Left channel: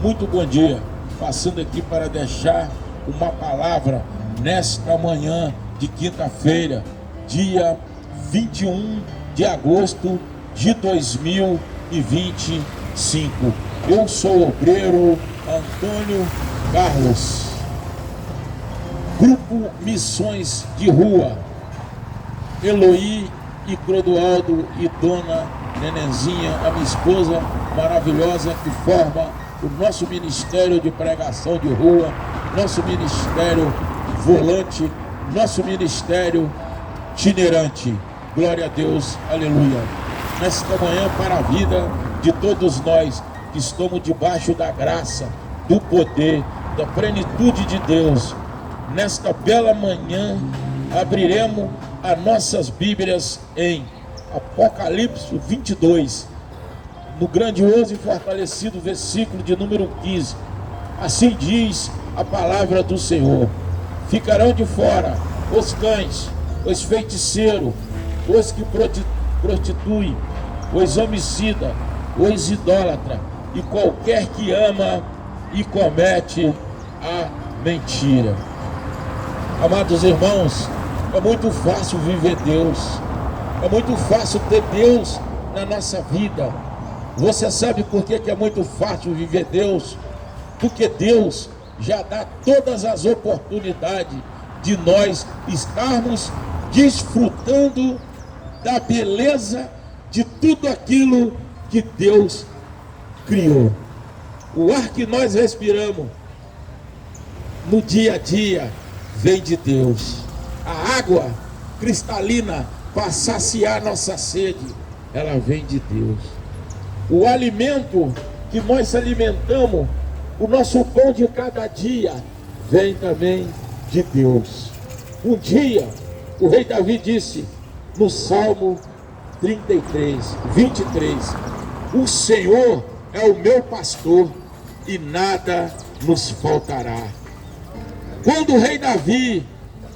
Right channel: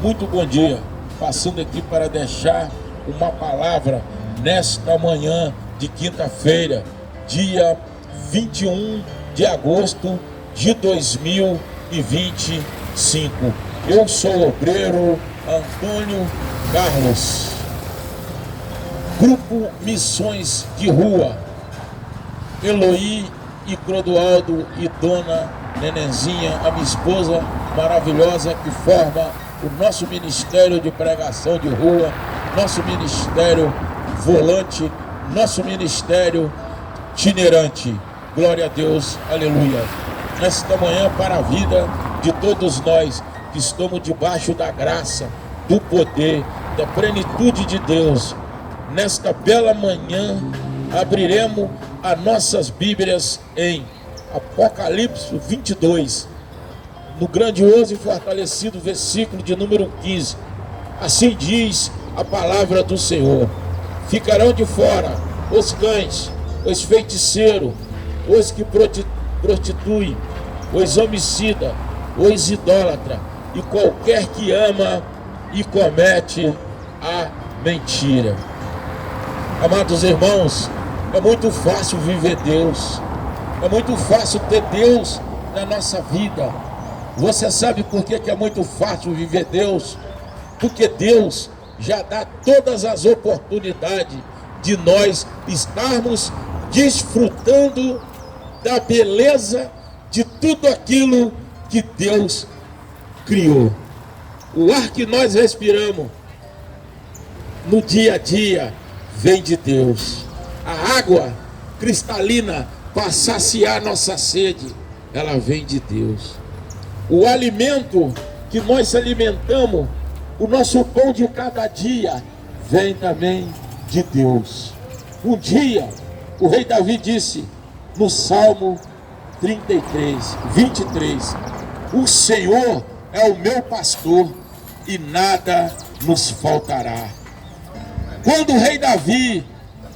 Muito bom dia, passando aqui para deixar uma palavra nesta manhã de quinta-feira, dia 21 de agosto de 2025. Eu sou o obreiro Antônio Carlos, Grupo Missões de Rua, Eloí e Clodoaldo e Dona Nenenzinha, a minha esposa maravilhosa, que forma o nosso ministério de pregação de rua, nosso ministério volante, nosso ministério itinerante. Glória a Deus, aleluia. Nesta manhã, para a vida de todos nós que estamos debaixo da graça, do poder, da plenitude de Deus, nesta bela manhã, abriremos as nossas Bíblias em Apocalipse 22, no grandioso e fortalecido versículo de número 15. Assim diz a palavra do Senhor: ficarão de fora os cães, os feiticeiros, os que prostituem, os homicidas, os idólatras e qualquer que ama e comete a mentira. Amados irmãos, é muito fácil viver Deus, é muito fácil ter Deus na nossa vida. Você sabe por que é muito fácil viver Deus? Porque Deus já dá todas as oportunidades de nós estarmos desfrutando da beleza de tudo aquilo que Deus criou. O ar que nós respiramos no dia a dia vem de Deus. A água cristalina para saciar nossa sede, ela vem de Deus. O alimento que nós alimentamos, o nosso pão de cada dia, vem também de Deus. Um dia, o rei Davi disse no Salmo 23, o Senhor é o meu pastor e nada nos faltará. Quando o rei Davi,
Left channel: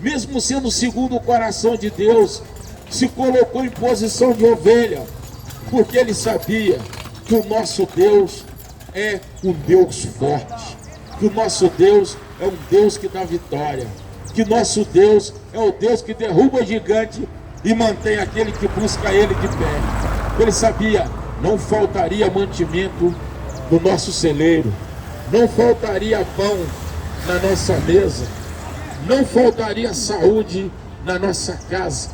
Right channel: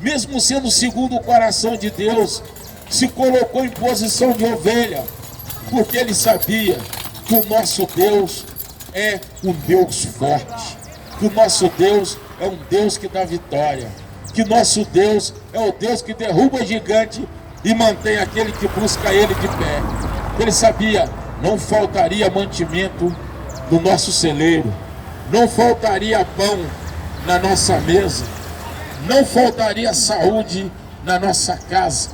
mesmo sendo segundo o coração de Deus, se colocou em posição de ovelha, porque ele sabia que o nosso Deus é um Deus forte, que o nosso Deus é um Deus que dá vitória, que nosso Deus é o Deus que derruba gigante e mantém aquele que busca ele de pé. Ele sabia, não faltaria mantimento no nosso celeiro, não faltaria pão na nossa mesa, não faltaria saúde na nossa casa,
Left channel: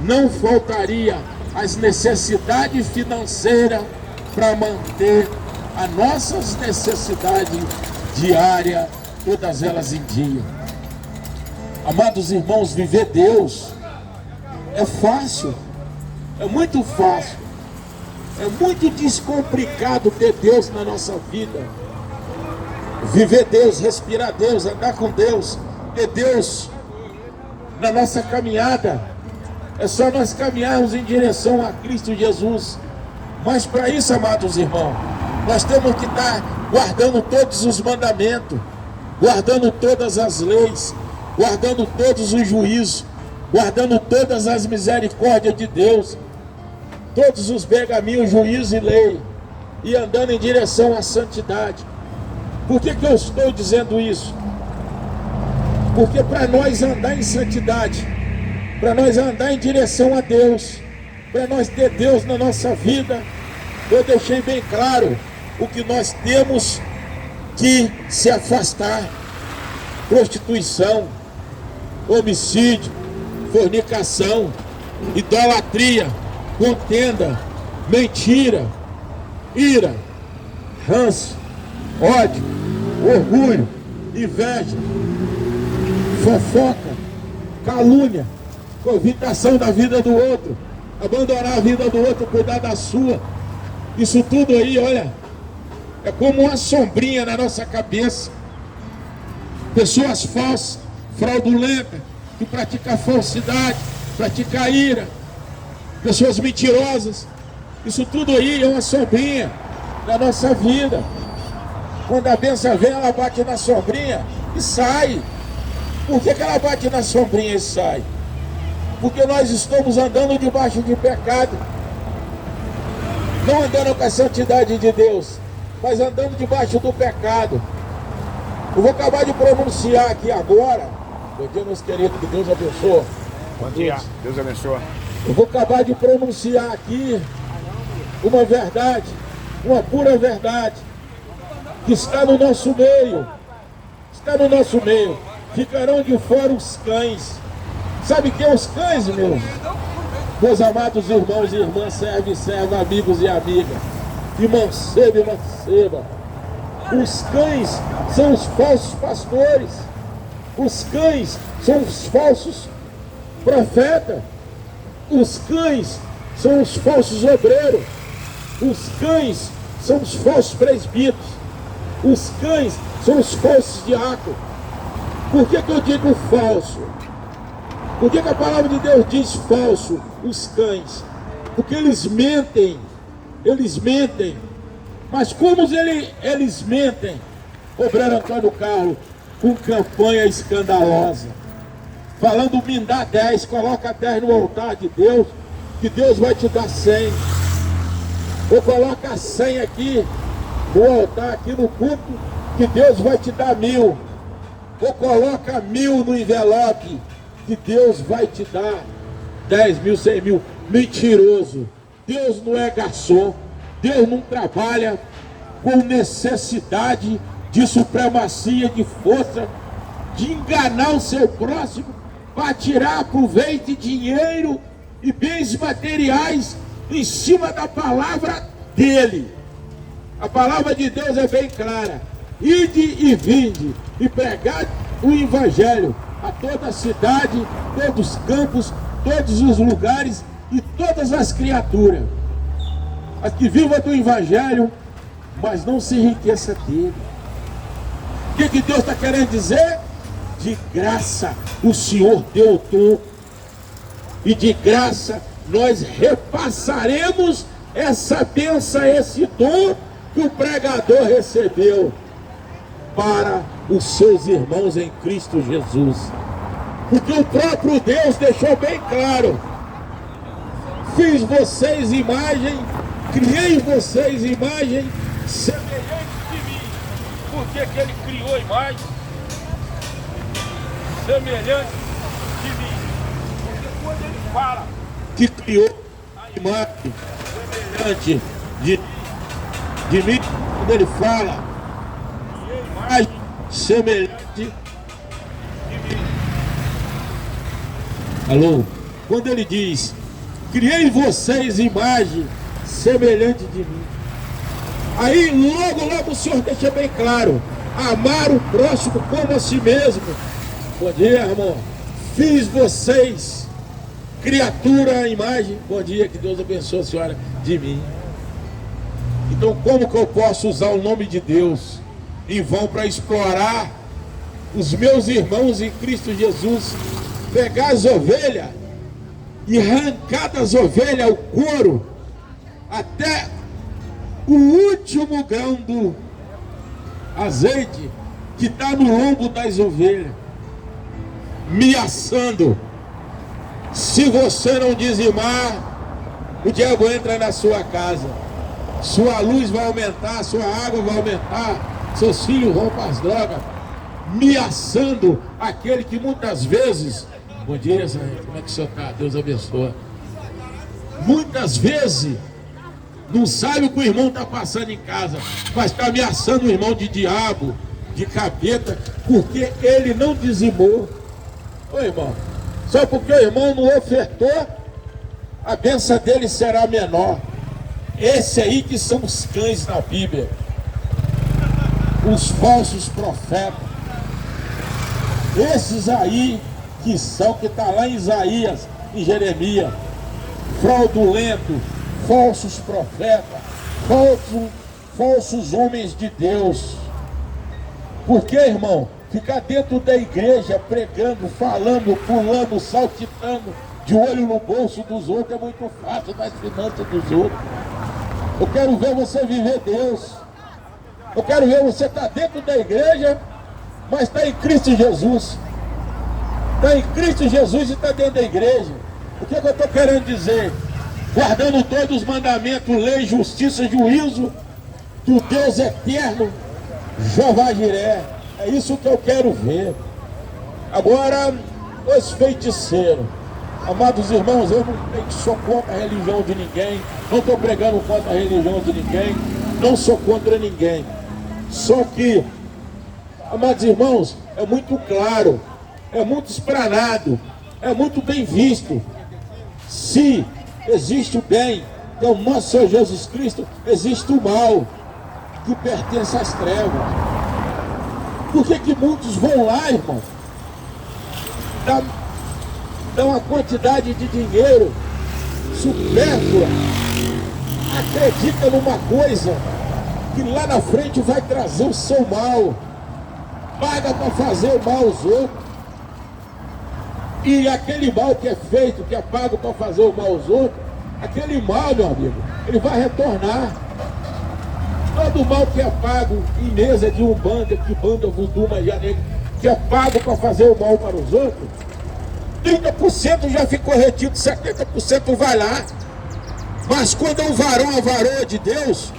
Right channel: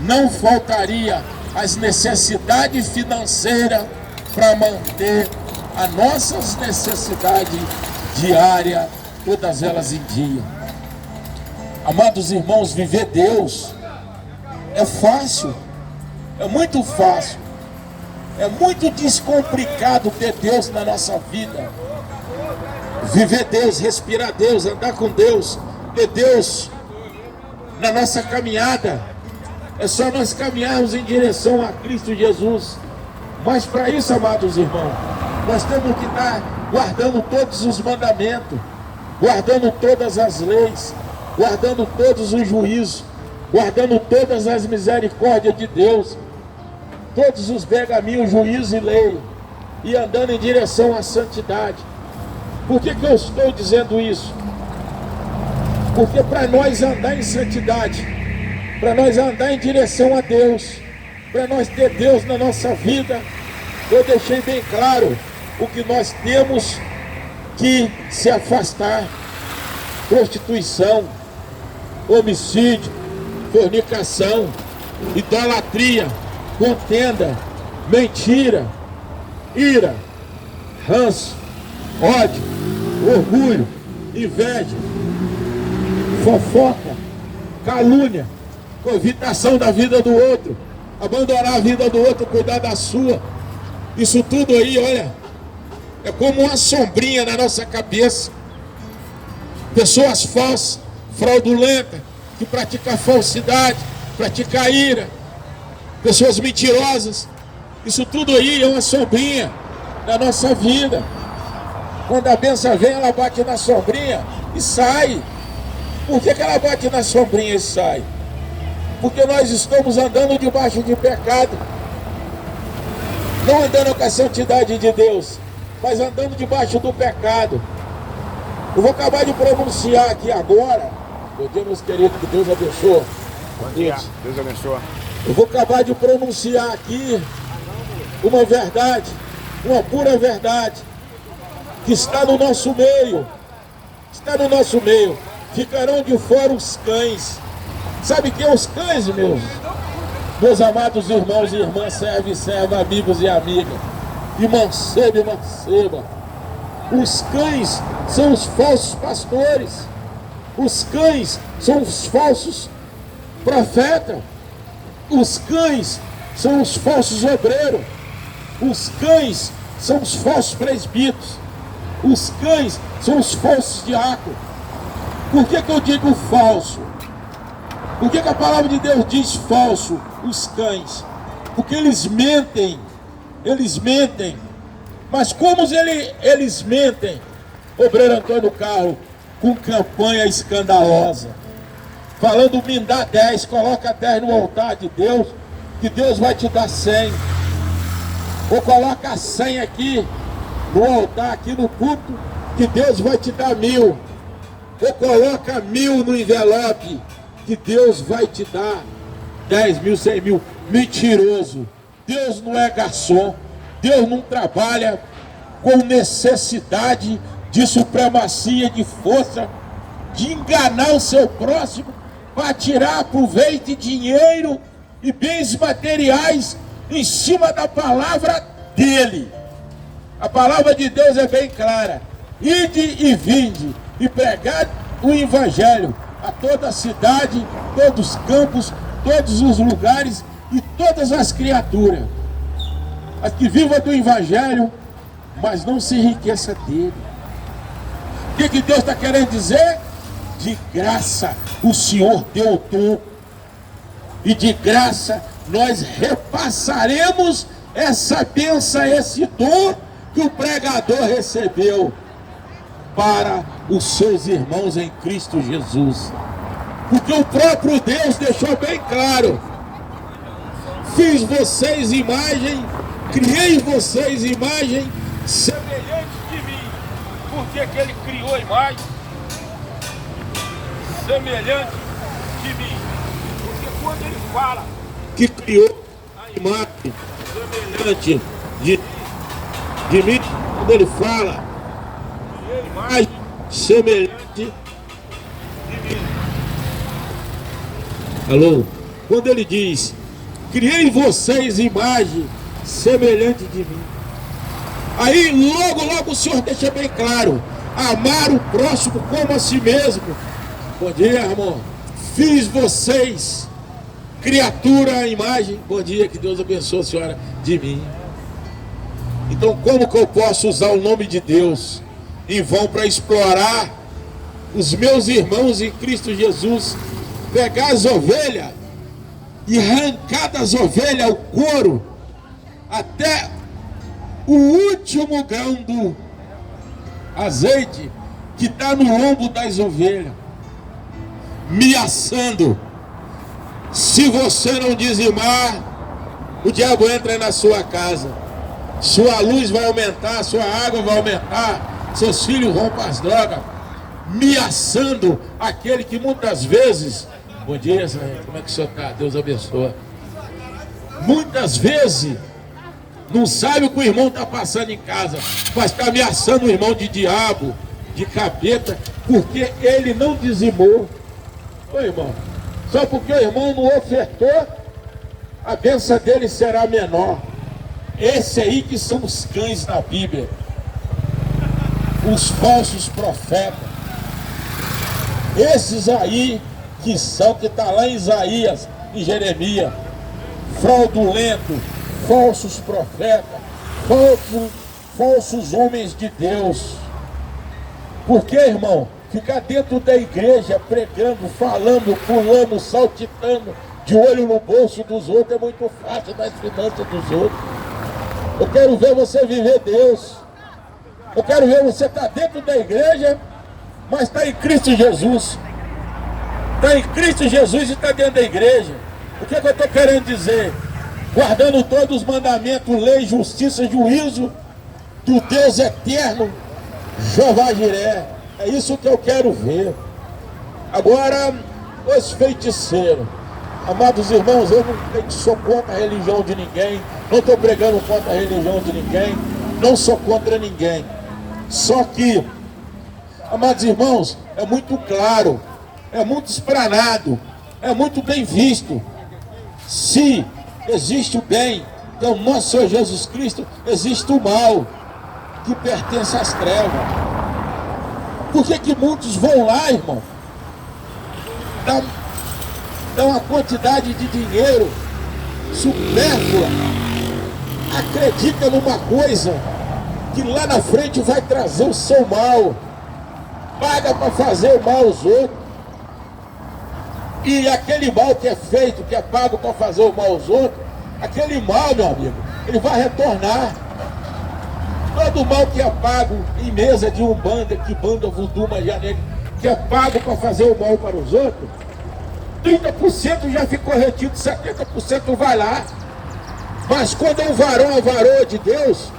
não faltaria as necessidades financeiras para manter as nossas necessidades diárias, todas elas em dia. Amados irmãos, viver Deus é fácil, é muito fácil, é muito descomplicado ter Deus na nossa vida. Viver Deus, respirar Deus, andar com Deus, ter Deus na nossa caminhada. É só nós caminharmos em direção a Cristo Jesus. Mas para isso, amados irmãos, nós temos que estar guardando todos os mandamentos, guardando todas as leis, guardando todos os juízos, guardando todas as misericórdias de Deus, todos os pergaminhos, juízo e lei, e andando em direção à santidade. Por que eu estou dizendo isso? Porque para nós andar em santidade, para nós andar em direção a Deus, para nós ter Deus na nossa vida, eu deixei bem claro o que nós temos que se afastar: prostituição, homicídio, fornicação, idolatria, contenda, mentira, ira, ranço, ódio, orgulho, inveja, fofoca, calúnia, covitação da vida do outro, abandonar a vida do outro e cuidar da sua. Isso tudo aí, olha, é como uma sombrinha na nossa cabeça. Pessoas falsas, fraudulentas, que praticam falsidade, praticam ira, pessoas mentirosas. Isso tudo aí é uma sombrinha na nossa vida. Quando a bênção vem, ela bate na sombrinha e sai. Por que ela bate na sombrinha e sai? Porque nós estamos andando debaixo de pecado, não andando com a santidade de Deus. mas andando debaixo do pecado. Eu vou acabar de pronunciar aqui agora. Bom dia, meus queridos, que Deus abençoe. Bom dia, Deus abençoe. Eu vou acabar de pronunciar aqui uma verdade, uma pura verdade, que está no nosso meio. Está no nosso meio. Ficarão de fora os cães. Sabe quem é os cães, meus amados irmãos e irmãs, serve e serva, amigos e amigas, e manceba e manceba? Os cães são os falsos pastores. Os cães são os falsos profetas. Os cães são os falsos obreiros. Os cães são os falsos presbíteros. Os cães são os falsos diáconos. Por que eu digo falso? Por que a palavra de Deus diz falso, os cães? Porque eles mentem. Eles mentem. Mas como eles mentem? Obreiro Antônio Carlos, com campanha escandalosa, falando: me dá 10, coloca 10 no altar de Deus, que Deus vai te dar 100. Ou coloca 100 aqui no altar, aqui no culto, que Deus vai te dar 1000. Ou coloca 1000 no envelope, que Deus vai te dar 10 mil, 100 mil. Mentiroso. Deus não é garçom. Deus não trabalha com necessidade de supremacia, de força, de enganar o seu próximo para tirar proveito, dinheiro e bens materiais em cima da palavra dele. A palavra de Deus é bem clara: ide e vinde e pregai o evangelho a toda a cidade, todos os campos, todos os lugares e todas as criaturas. As que vivam do evangelho, mas não se enriqueça dele. O que Deus está querendo dizer? De graça o Senhor deu o dom, e de graça nós repassaremos essa bênção, esse dom que o pregador recebeu para os seus irmãos em Cristo Jesus. Porque o próprio Deus deixou bem claro: fiz vocês imagem, criei vocês imagem semelhante de mim. Por que ele criou imagem semelhante de mim? Porque quando ele fala que criou a imagem semelhante de mim, quando ele fala criei imagem semelhante de mim. Alô? Quando ele diz: criei vocês imagem semelhante de mim, aí logo o Senhor deixa bem claro: amar o próximo como a si mesmo. Bom dia, irmão. Fiz vocês criatura à imagem. Bom dia, que Deus abençoe a senhora de mim. Então como que eu posso usar o nome de Deus em vão para explorar os meus irmãos em Cristo Jesus, pegar as ovelhas e arrancar das ovelhas o couro até o último grão do azeite que está no lombo das ovelhas, me assando? Se você não dizimar, o diabo entra na sua casa, sua luz vai aumentar, sua água vai aumentar, seus filhos vão para as drogas, me assando aquele que muitas vezes... Bom dia, como é que o senhor está? Deus abençoe. Muitas vezes não sabe o que o irmão está passando em casa, mas está ameaçando o irmão de diabo, de capeta, porque ele não dizimou. Ô irmão, só porque o irmão não ofertou, a bênção dele será menor. Esse aí que são os cães da Bíblia, os falsos profetas. Esses aí que está lá em Isaías e Jeremias, fraudulento, falsos profetas, falsos homens de Deus. Porque, irmão, ficar dentro da igreja pregando, falando, pulando, saltitando, de olho no bolso dos outros é muito fácil, nas finanças dos outros. Eu quero ver você viver Deus. Eu quero ver você estar dentro da igreja, mas está em Cristo Jesus. Está em Cristo Jesus e está dentro da igreja. O que eu estou querendo dizer? Guardando todos os mandamentos, lei, justiça, juízo, do Deus eterno, Jeová Jiré. É isso que eu quero ver. Agora, os feiticeiros. Amados irmãos, eu não sou contra a religião de ninguém, não estou pregando contra a religião de ninguém, não sou contra ninguém. Só que, amados irmãos, é muito claro, é muito esplanado, é muito bem visto. Se existe o bem, então nosso Senhor Jesus Cristo, existe o mal, que pertence às trevas. Por que muitos vão lá, irmão? Dá uma quantidade de dinheiro supérflua, acredita numa coisa que lá na frente vai trazer o seu mal, paga para fazer o mal aos outros, e aquele mal que é feito, que é pago para fazer o mal aos outros, aquele mal, meu amigo, ele vai retornar. Todo mal que é pago em mesa de umbanda, que banda, voodoo, magia negra, que é pago para fazer o mal para os outros, 30% já ficou retido, 70% vai lá. Mas quando é um varão, a varoa de Deus,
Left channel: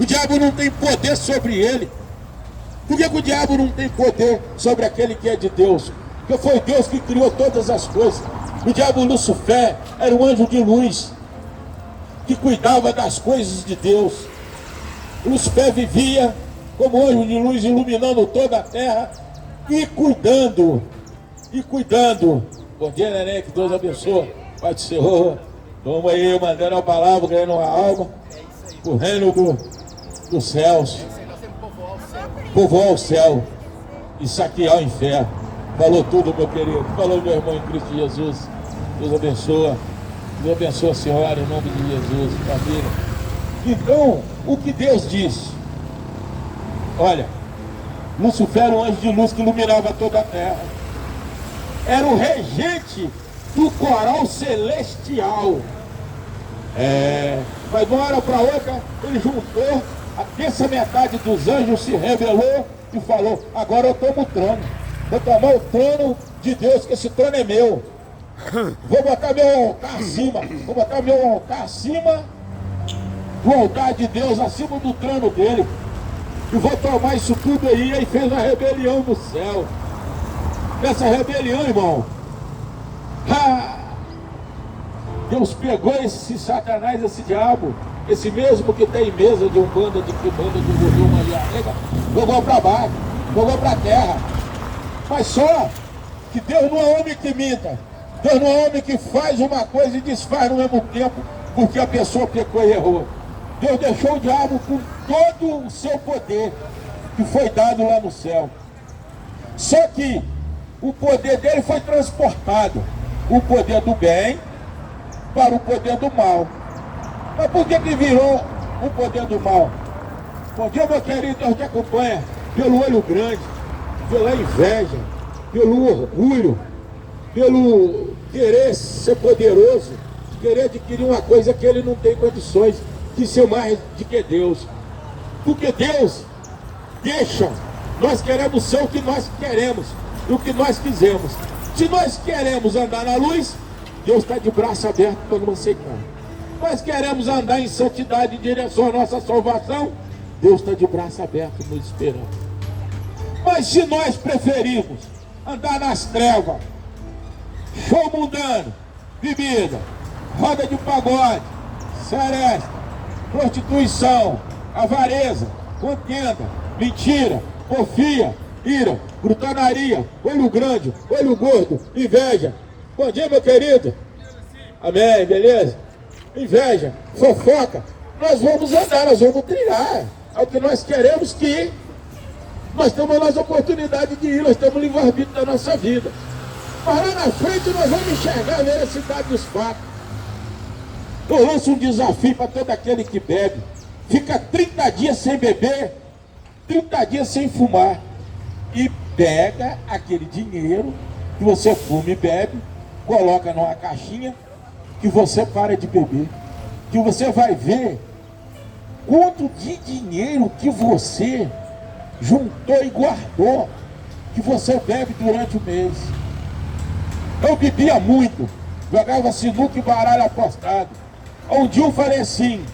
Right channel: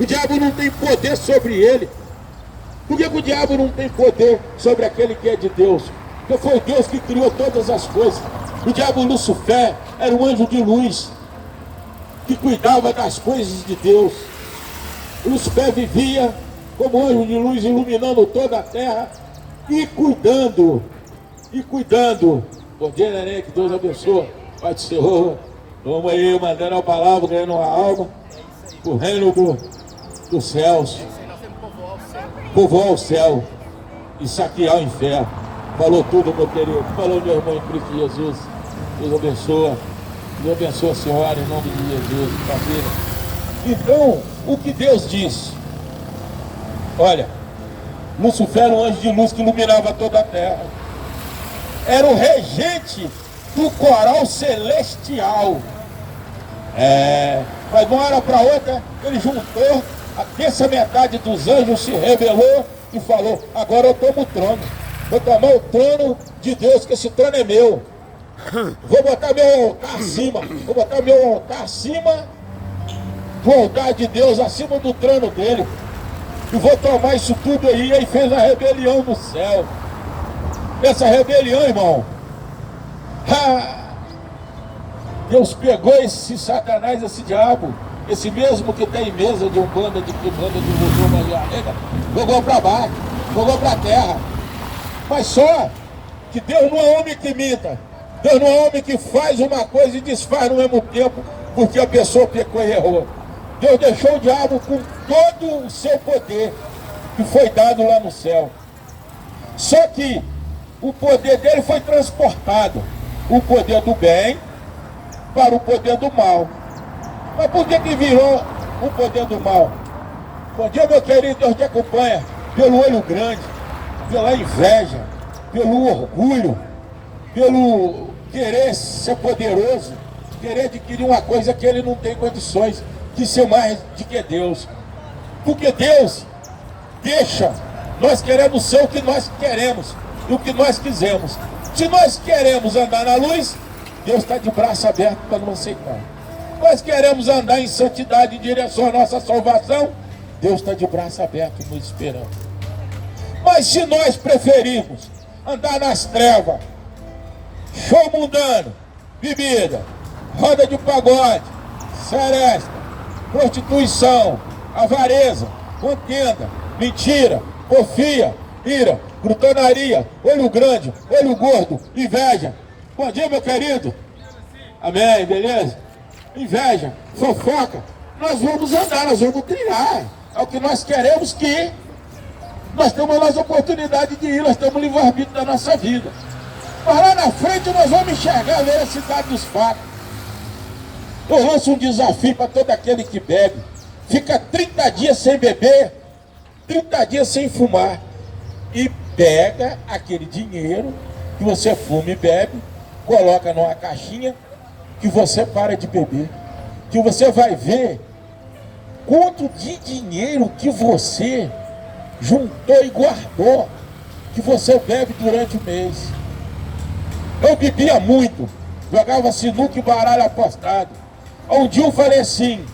o diabo não tem poder sobre ele. Por que o diabo não tem poder sobre aquele que é de Deus? Porque foi Deus que criou todas as coisas. O diabo Lucifer era um anjo de luz, que cuidava das coisas de Deus. Lucifer vivia como anjo de luz, iluminando toda a terra e cuidando. Bom dia, neném, que Deus abençoe. Pai do Senhor, vamos aí, mandando a palavra, ganhando uma alma, o reino dos céus, povoar o céu e saquear o inferno. Falou tudo, meu querido, falou meu irmão em Cristo Jesus. Deus abençoe a senhora em nome de Jesus, família. Então, o que Deus diz? Olha, Lucifer era um anjo de luz que iluminava toda a terra. Era o regente do coral celestial. Mas de uma hora para outra, ele juntou, a terça metade dos anjos se rebelou e falou: agora eu tomo o trono. Vou tomar o trono de Deus, que esse trono é meu. Vou botar meu altar acima. Vou botar meu altar acima do altar de Deus, acima do trono dele. E vou tomar isso tudo aí. E aí fez a rebelião no céu. Essa rebelião, irmão, Deus pegou esse Satanás, esse diabo, esse mesmo que tem mesa de umbanda, de quibanda, de voodoo, magia negra, jogou para baixo, jogou para a terra. Mas só que Deus não é homem que minta, Deus não é homem que faz uma coisa e desfaz no mesmo tempo, porque a pessoa pecou e errou. Deus deixou o diabo com todo o seu poder que foi dado lá no céu. Só que o poder dele foi transportado, o poder do bem para o poder do mal. Mas por que virou o poder do mal? Bom dia, meu querido, Deus te acompanha pelo olho grande, pela inveja, pelo orgulho, pelo querer ser poderoso, querer adquirir uma coisa que ele não tem condições de ser mais do que Deus. Porque Deus deixa, nós queremos ser o que nós queremos, o que nós quisermos. Se nós queremos andar na luz, Deus está de braço aberto para nos aceitar. Nós queremos andar em santidade em direção à nossa salvação, Deus está de braço aberto nos esperando. Mas se nós preferimos andar nas trevas, show mundano, bebida, roda de pagode, seresta, prostituição, avareza, contenda, mentira, porfia, ira, gritaria, olho grande, olho gordo, inveja. Bom dia, meu querido. Amém, beleza? Inveja, fofoca. Nós vamos andar, nós vamos trilhar. É o que nós queremos que ir. Nós temos a nossa oportunidade de ir, nós temos o livre-arbítrio da nossa vida. Mas lá na frente nós vamos enxergar a veracidade dos fatos. Eu lanço um desafio para todo aquele que bebe. Fica 30 dias sem beber, 30 dias sem fumar. E pega aquele dinheiro que você fuma e bebe, coloca numa caixinha, que você para de beber. Que você vai ver quanto de dinheiro que você juntou e guardou, que você bebe durante o mês. Eu bebia muito, jogava sinuca e baralho apostado. Um dia eu falei assim:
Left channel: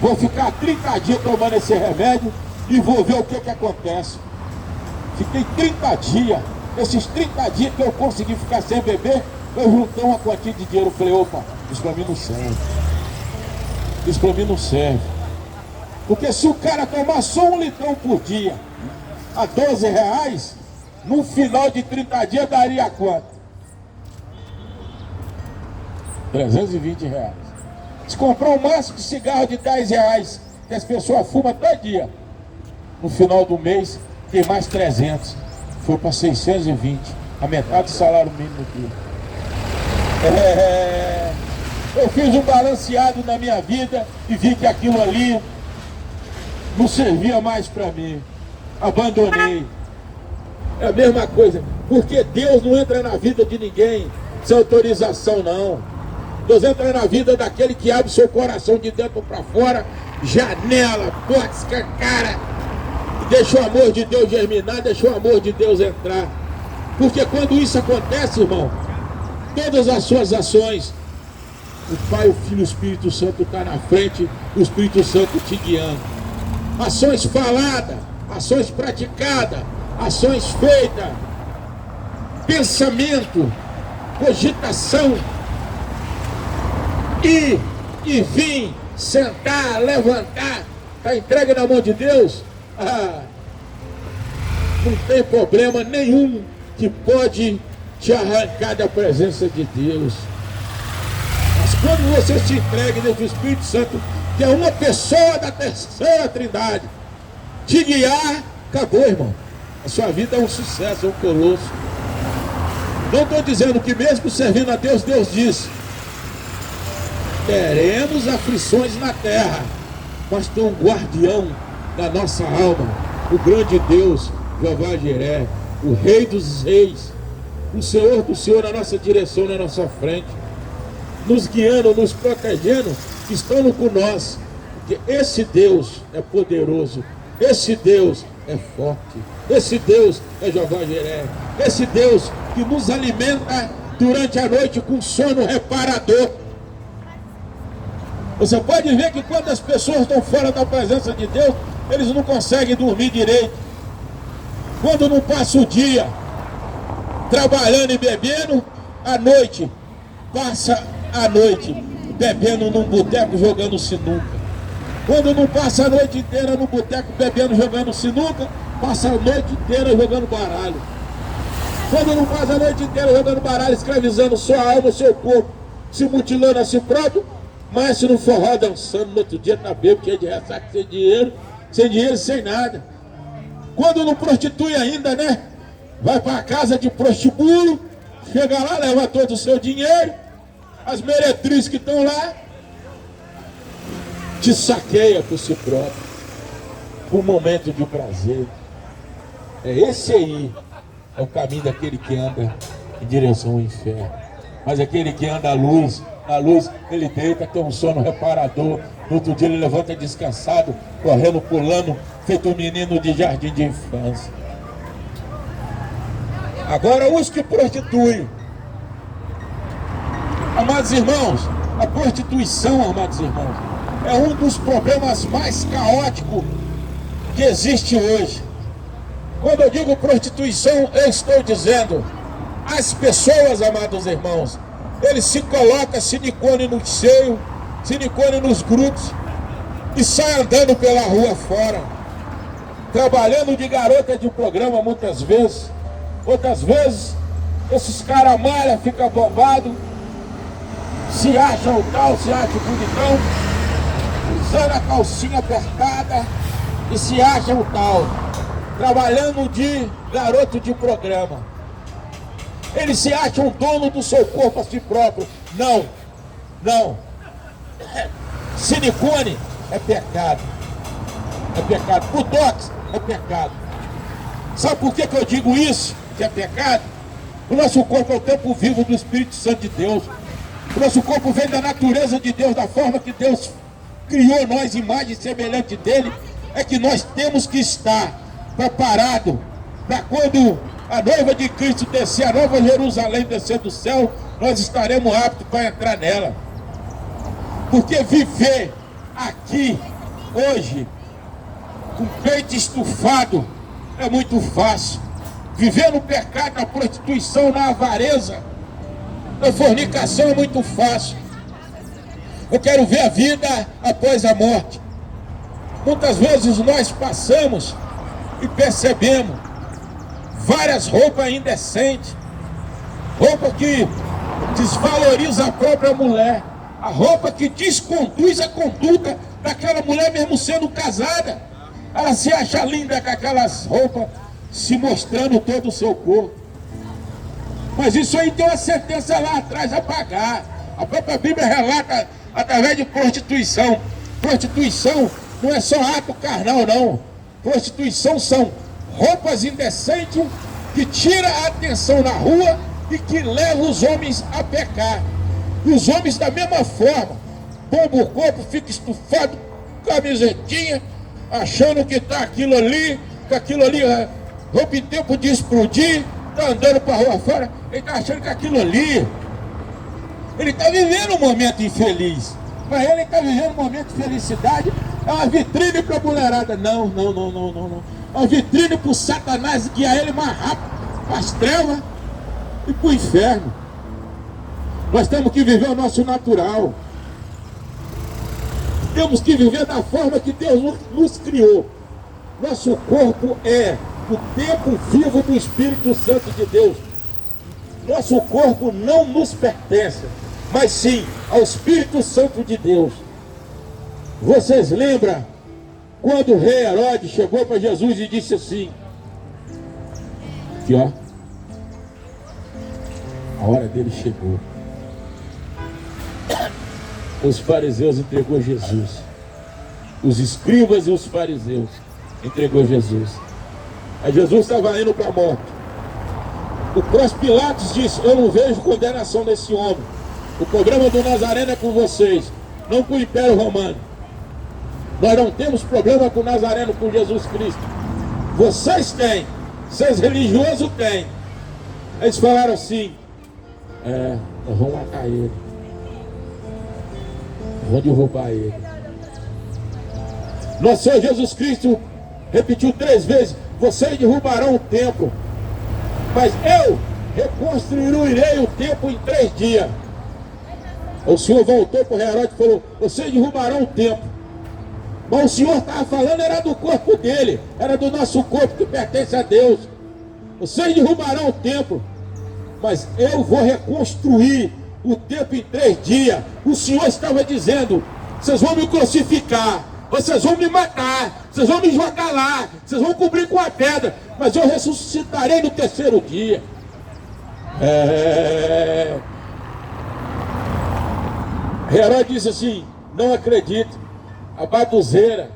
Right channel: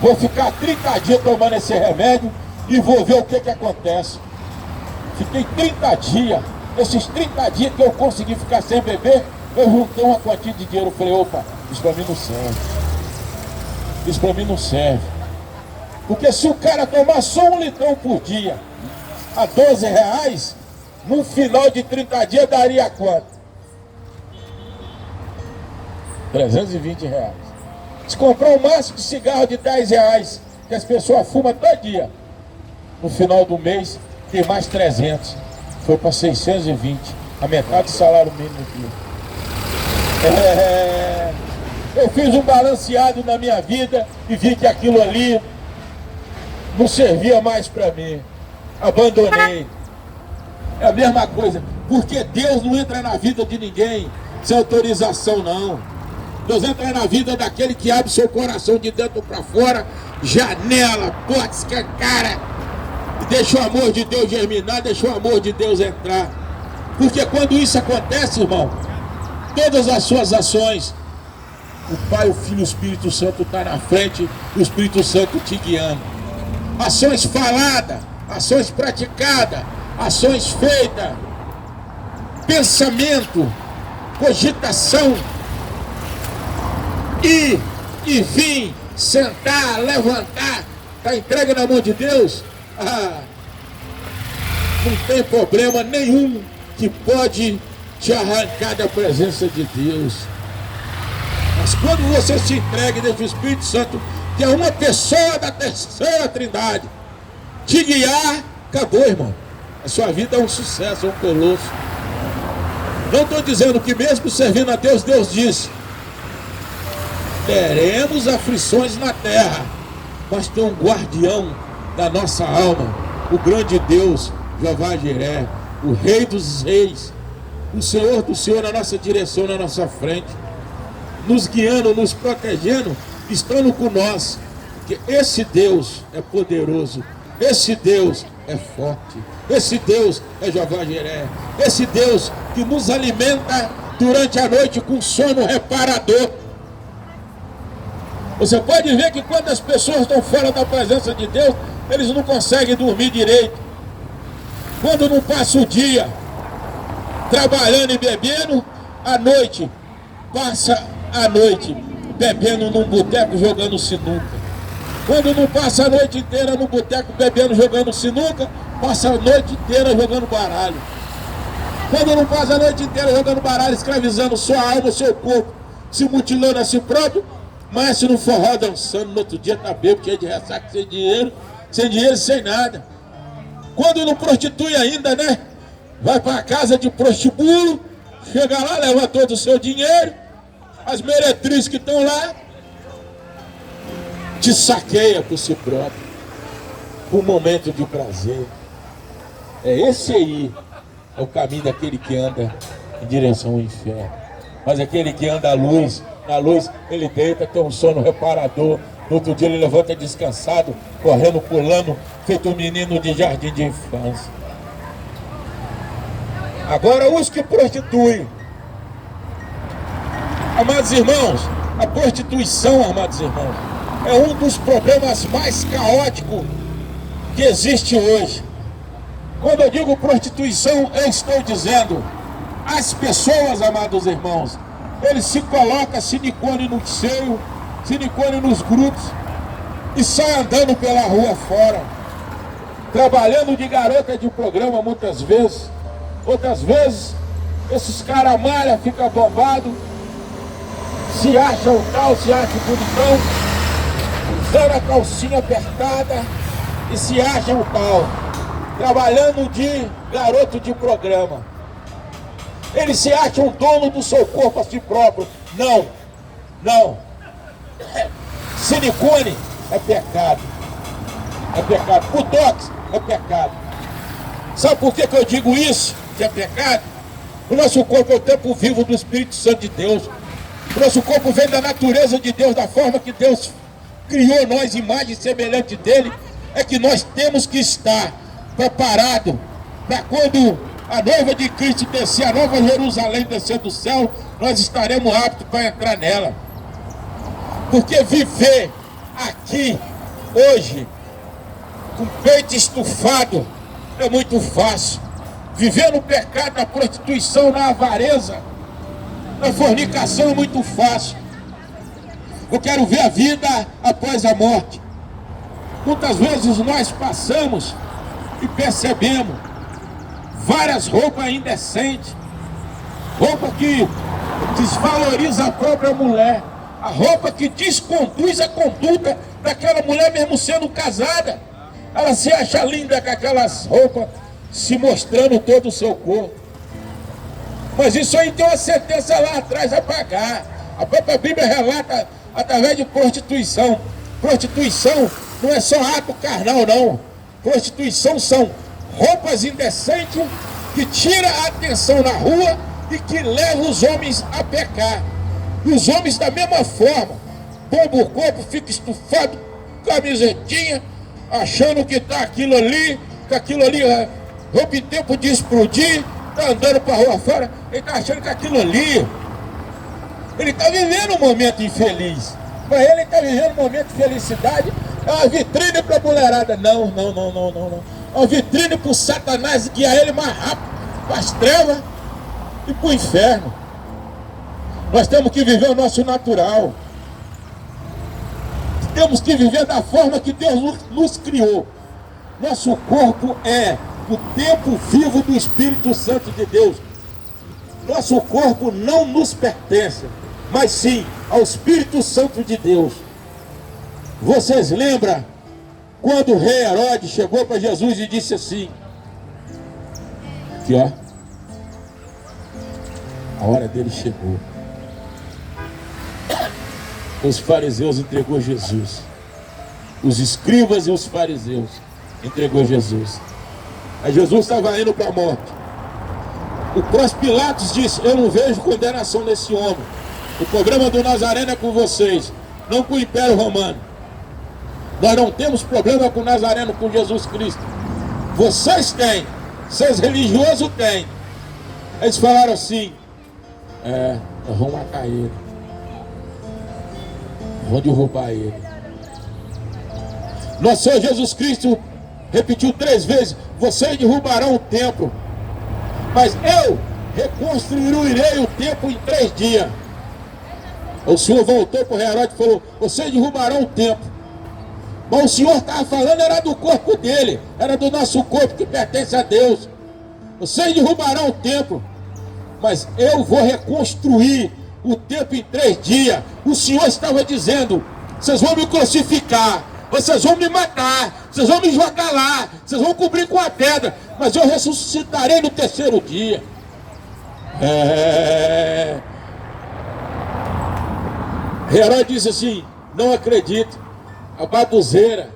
Vou ficar 30 dias tomando esse remédio e vou ver o que acontece. Fiquei 30 dias. Esses 30 dias que eu consegui ficar sem beber, eu juntei uma quantia de dinheiro. Eu falei, opa, isso pra mim não serve. Isso pra mim não serve. Porque se o cara tomar só 1 litrão por dia, a R$12, no final de 30 dias daria quanto? R$320. Se comprar um maço de cigarro de R$10, que as pessoas fumam todo dia, no final do mês tem mais 300. Foi para 620, a metade do salário mínimo aqui. Eu fiz um balanceado na minha vida e vi que aquilo ali não servia mais para mim. Abandonei. É a mesma coisa, porque Deus não entra na vida de ninguém sem autorização, não. Deus entra na vida daquele que abre seu coração de dentro para fora, janela, porta escancara, e deixa o amor de Deus germinar, deixa o amor de Deus entrar. Porque quando isso acontece, irmão, todas as suas ações, o Pai, o Filho e o Espírito Santo está na frente, o Espírito Santo te guiando. Ações faladas, ações praticadas, ações feitas, pensamento, cogitação, ir e vir, sentar, levantar, está entregue na mão de Deus, não tem problema nenhum que pode te arrancar da presença de Deus. Mas quando você se entrega deixa o Espírito Santo, que é uma pessoa da terceira trindade, te guiar, acabou, irmão. A sua vida é um sucesso, é um colosso. Não estou dizendo que mesmo servindo a Deus, Deus disse: teremos aflições na terra, mas tem um guardião da nossa alma, o grande Deus, Jeová Jiré, o Rei dos Reis, o Senhor do Senhor na nossa direção, na nossa frente, nos guiando, nos protegendo, estando com nós, porque esse Deus é poderoso, esse Deus é forte, esse Deus é Jeová Jiré, esse Deus que nos alimenta durante a noite com sono reparador. Você pode ver que quando as pessoas estão fora da presença de Deus, eles não conseguem dormir direito. Quando não passa o dia trabalhando e bebendo, à noite, passa a noite bebendo num boteco, jogando sinuca. Quando não passa a noite inteira no boteco bebendo, jogando sinuca, passa a noite inteira jogando baralho. Quando não passa a noite inteira jogando baralho, escravizando sua alma, seu corpo, se mutilando a si próprio, mas se não forró dançando, no outro dia tá bêbado, cheio de ressaca, sem dinheiro e sem nada. Quando não prostitui ainda, né? Vai para a casa de prostíbulo, chega lá, leva todo o seu dinheiro, as meretrizes que estão lá, te saqueia por si próprio, por um momento de prazer. É esse aí, é o caminho daquele que anda em direção ao inferno. Mas aquele que anda à luz, na luz ele deita, tem um sono reparador. No outro dia ele levanta descansado, correndo, pulando, feito um menino de jardim de infância. Agora os que prostituem, amados irmãos, a prostituição, amados irmãos, é um dos problemas mais caóticos que existe hoje. Quando eu digo prostituição, eu estou dizendo as pessoas, amados irmãos, eles se colocam silicone no seio, silicone nos grupos e saem andando pela rua fora, trabalhando de garota de programa muitas vezes. Outras vezes, esses caras malham, ficam bobados, se acham tal, se acham bonitão, usando a calcinha apertada e se acham tal, trabalhando de garoto de programa. Eles se acham dono do seu corpo a si próprio. Não, não. Silicone é pecado. É pecado. Botox é pecado. Sabe por que eu digo isso? Que é pecado? O nosso corpo é o tempo vivo do Espírito Santo de Deus. O nosso corpo vem da natureza de Deus, da forma que Deus criou nós, imagem semelhante dele. É que nós temos que estar preparado para quando a noiva de Cristo descer, a nova Jerusalém descer do céu, nós estaremos aptos para entrar nela. Porque viver aqui, hoje, com peito estufado, é muito fácil. Viver no pecado, na prostituição, na avareza, na fornicação é muito fácil. Eu quero ver a vida após a morte. Muitas vezes nós passamos e percebemos várias roupas indecentes, roupa que desvaloriza a própria mulher, a roupa que desconduz a conduta daquela mulher mesmo sendo casada. Ela se acha linda com aquelas roupas, se mostrando todo o seu corpo. Mas isso aí tem uma sentença lá atrás a pagar. A própria Bíblia relata através de prostituição. Prostituição não é só ato carnal, não. Prostituição são roupas indecentes que tiram a atenção na rua e que levam os homens a pecar. E os homens da mesma forma, bomba o corpo, fica estufado, camisetinha, achando que tá aquilo ali, que aquilo ali roupa em tempo de explodir, tá andando pra rua fora, ele tá achando que aquilo ali, ele tá vivendo um momento infeliz. Mas ele tá vivendo um momento de felicidade, é uma vitrine pra mulherada. Não. É uma vitrine pro Satanás guiar ele mais rápido pras trevas e pro inferno. Nós temos que viver o nosso natural. Temos que viver da forma que Deus nos criou. Nosso corpo é o tempo vivo do Espírito Santo de Deus. Nosso corpo não nos pertence, mas sim ao Espírito Santo de Deus. Vocês lembram quando o rei Herodes chegou para Jesus e disse assim: aqui ó, a hora dele chegou. Os fariseus entregou Jesus. Os escribas e os fariseus entregou Jesus. Aí Jesus estava indo para a morte. O Pôncio Pilatos disse: eu não vejo condenação nesse homem. O problema do Nazareno é com vocês, não com o Império Romano. Nós não temos problema com o Nazareno, com Jesus Cristo. Vocês têm, vocês religiosos têm. Eles falaram assim: nós vamos matar ele, vamos derrubar ele. Nosso Senhor Jesus Cristo repetiu 3 vezes: vocês derrubarão o templo, mas eu reconstruirei o templo em 3 dias. O Senhor voltou para o Herodes e falou: vocês derrubarão o templo. Mas o Senhor estava falando era do corpo dele, era do nosso corpo que pertence a Deus. Vocês derrubarão o templo, mas eu vou reconstruir o templo em 3 dias. O Senhor estava dizendo: vocês vão me crucificar, vocês vão me matar, vocês vão me jogar lá, vocês vão cobrir com a pedra, mas eu ressuscitarei no 3º dia. Herodes disse assim: não acredito. A baduzeira,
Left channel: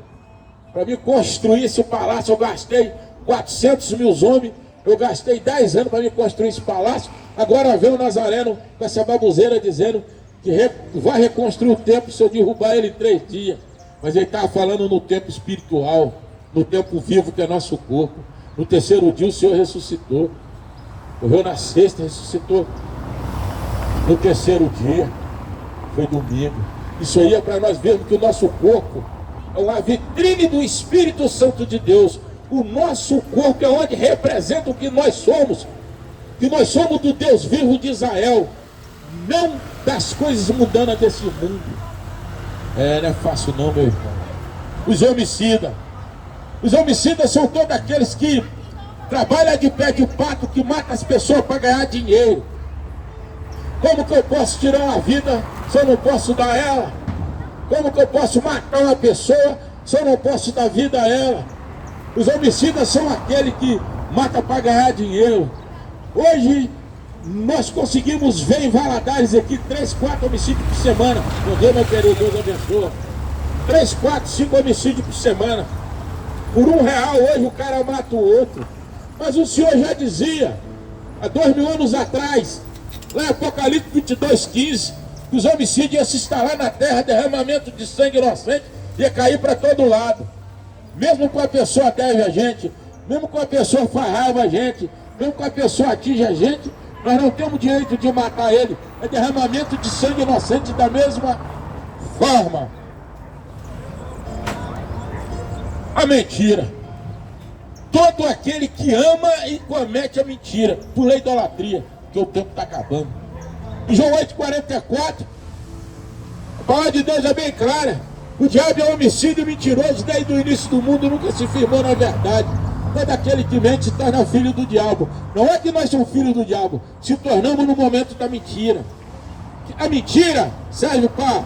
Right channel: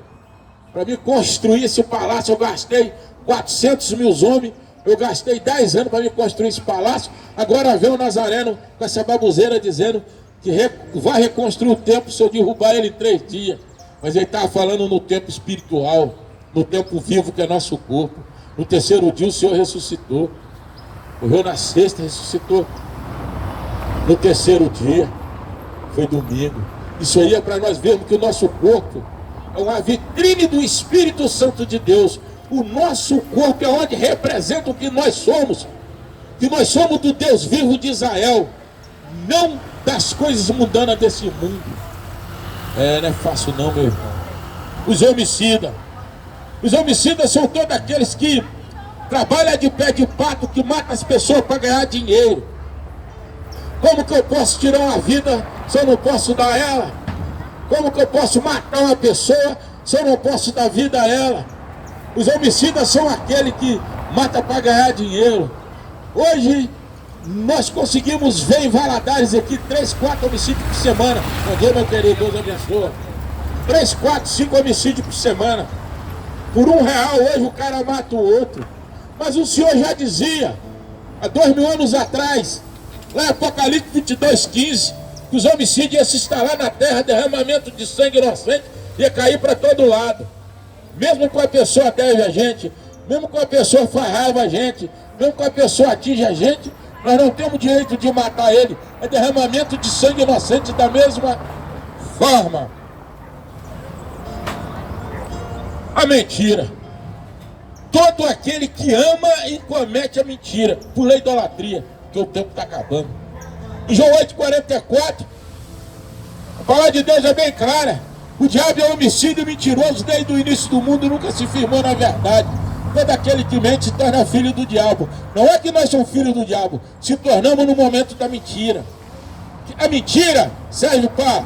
para me construir esse palácio, eu gastei 400 mil homens, eu gastei 10 anos para me construir esse palácio. Agora vem o Nazareno com essa babuzeira dizendo que vai reconstruir o templo se eu derrubar ele em 3 dias. Mas ele estava falando no tempo espiritual, no tempo vivo que é nosso corpo. No 3º dia o Senhor ressuscitou. Morreu na sexta, ressuscitou no 3º dia. Foi domingo. Isso aí é para nós vermos que o nosso corpo é uma vitrine do Espírito Santo de Deus. O nosso corpo é onde representa o que nós somos. Que nós somos do Deus vivo de Israel, não das coisas mundanas desse mundo. Não é fácil não, meu irmão. Os homicidas são todos aqueles que trabalham de pé de pato, que matam as pessoas para ganhar dinheiro. Como que eu posso tirar uma vida se eu não posso dar ela? Como que eu posso matar uma pessoa se eu não posso dar vida a ela? Os homicidas são aqueles que matam para ganhar dinheiro. Hoje nós conseguimos ver em Valadares aqui 3, 4 homicídios por semana. Bom dia, meu querido, Deus abençoe. 3, 4, 5 homicídios por semana. Por R$1 hoje o cara mata o outro. Mas o Senhor já dizia, há 2000 anos atrás, lá em Apocalipse 22:15, que os homicídios iam se instalar na terra, derramamento de sangue inocente ia cair para todo lado. Mesmo que a pessoa deve a gente, mesmo que a pessoa faz raiva a gente, mesmo que a pessoa atinge a gente, nós não temos direito de matar ele. É derramamento de sangue inocente da mesma forma. a mentira. Todo aquele que ama e comete a mentira, por lei da idolatria, que o tempo está acabando. Em João 8,44, a palavra de Deus é bem clara. O diabo é homicídio mentiroso, desde o início do mundo nunca se firmou na verdade. Todo aquele que mente se torna filho do diabo. Não é que nós somos filhos do diabo, se tornamos no momento da mentira. A mentira serve para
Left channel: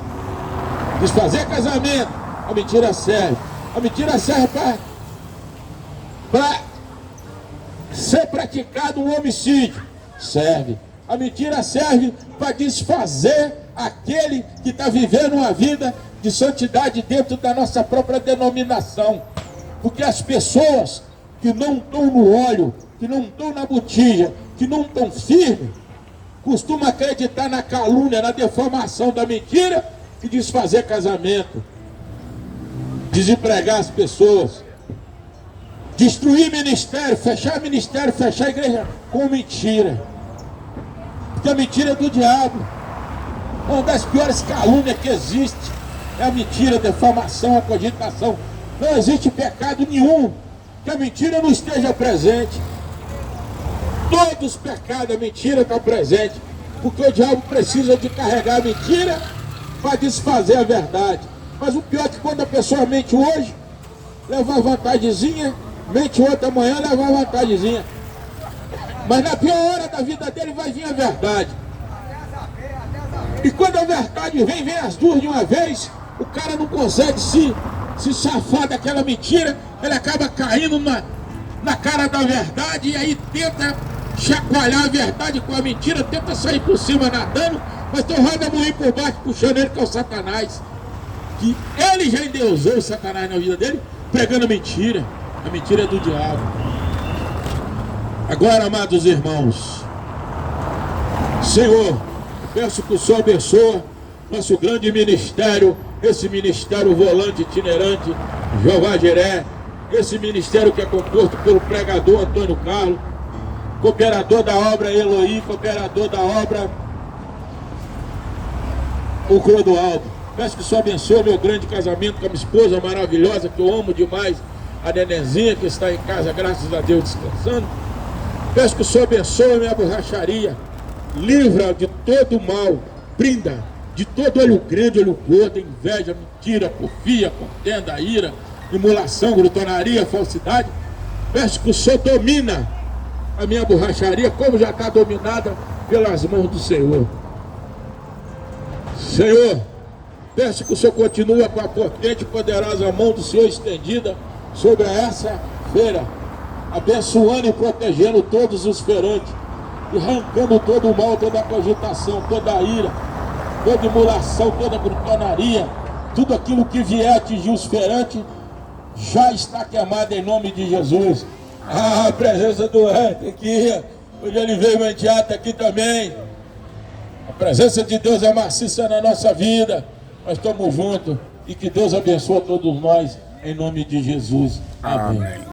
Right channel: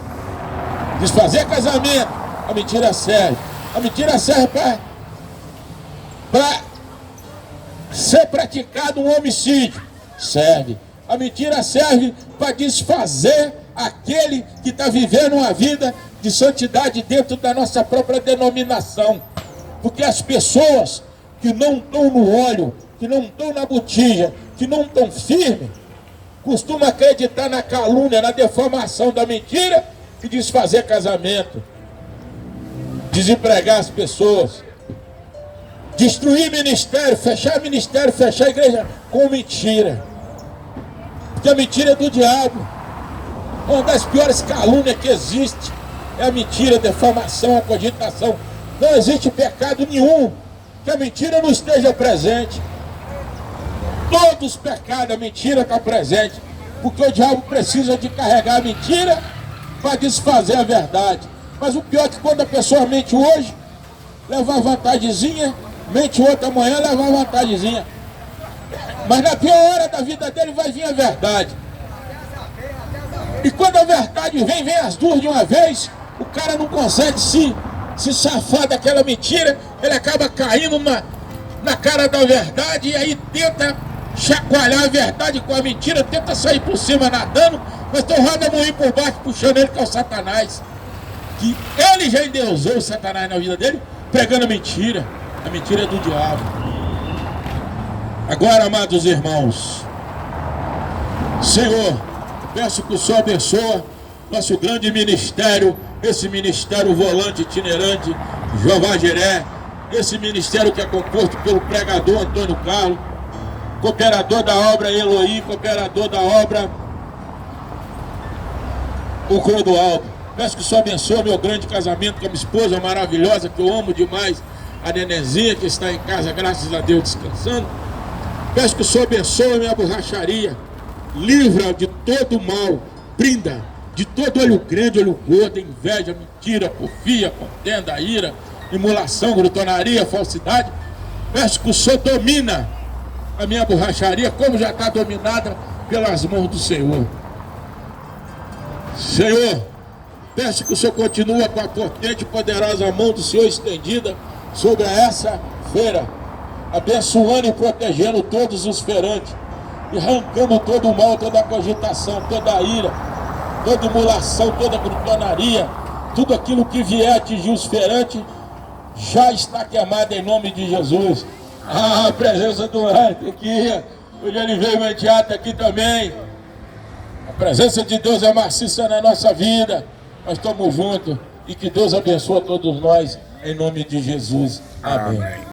desfazer casamento, a mentira serve. A mentira serve para ser praticado um homicídio, serve. A mentira serve para desfazer aquele que está vivendo uma vida de santidade dentro da nossa própria denominação. Porque as pessoas que não estão no óleo, que não estão na botija, que não estão firmes, costumam acreditar na calúnia, na defamação da mentira e desfazer casamento, desempregar as pessoas, destruir ministério, fechar igreja com mentira. Porque a mentira é do diabo. Uma das piores calúnias que existe é a mentira, a defamação, a cogitação. Não existe pecado nenhum que a mentira não esteja presente. Todos os pecados, a mentira está presente. Porque o diabo precisa de carregar a mentira para desfazer a verdade. Mas o pior é que quando a pessoa mente hoje, leva uma vantagemzinha, mente outra manhã, leva uma vantagemzinha. Mas na pior hora da vida dele vai vir a verdade. E quando a verdade vem as duas de uma vez, o cara não consegue se safar daquela mentira, ele acaba caindo na cara da verdade e aí tenta chacoalhar a verdade com a mentira, tenta sair por cima nadando, mas tem roda moinho por baixo puxando ele, que é o Satanás. Que ele já endeusou o Satanás na vida dele, pregando a mentira do diabo. Agora, amados irmãos, Senhor, peço que o Senhor abençoe nosso grande ministério, esse ministério volante itinerante, Jeová Jiré, esse ministério que é composto pelo pregador Antônio Carlos, cooperador da obra Eloí, cooperador da obra o Clodoaldo. Peço que o Senhor abençoe meu grande casamento com a minha esposa maravilhosa, que eu amo demais, a Nenezinha, que está em casa, graças a Deus, descansando. Peço que o Senhor abençoe a minha borracharia, livra de todo mal, brinda de todo olho grande, olho gordo, inveja, mentira, porfia, contenda, ira, emulação, glutonaria, falsidade. Peço que o Senhor domina a minha borracharia, como já está dominada pelas mãos do Senhor. Senhor, peço que o Senhor continue com a potente e poderosa mão do Senhor estendida sobre essa feira, abençoando e protegendo todos os feirantes, e arrancando todo o mal, toda a cogitação, toda a ira, toda emulação, toda a glutonaria, tudo aquilo que vier atingir os feirantes, já está queimado em nome de Jesus. A presença do Rei aqui, hoje ele veio imediato aqui também. A presença de Deus é maciça na nossa vida. Nós estamos juntos e que Deus abençoe a todos nós, em nome de Jesus. Amém.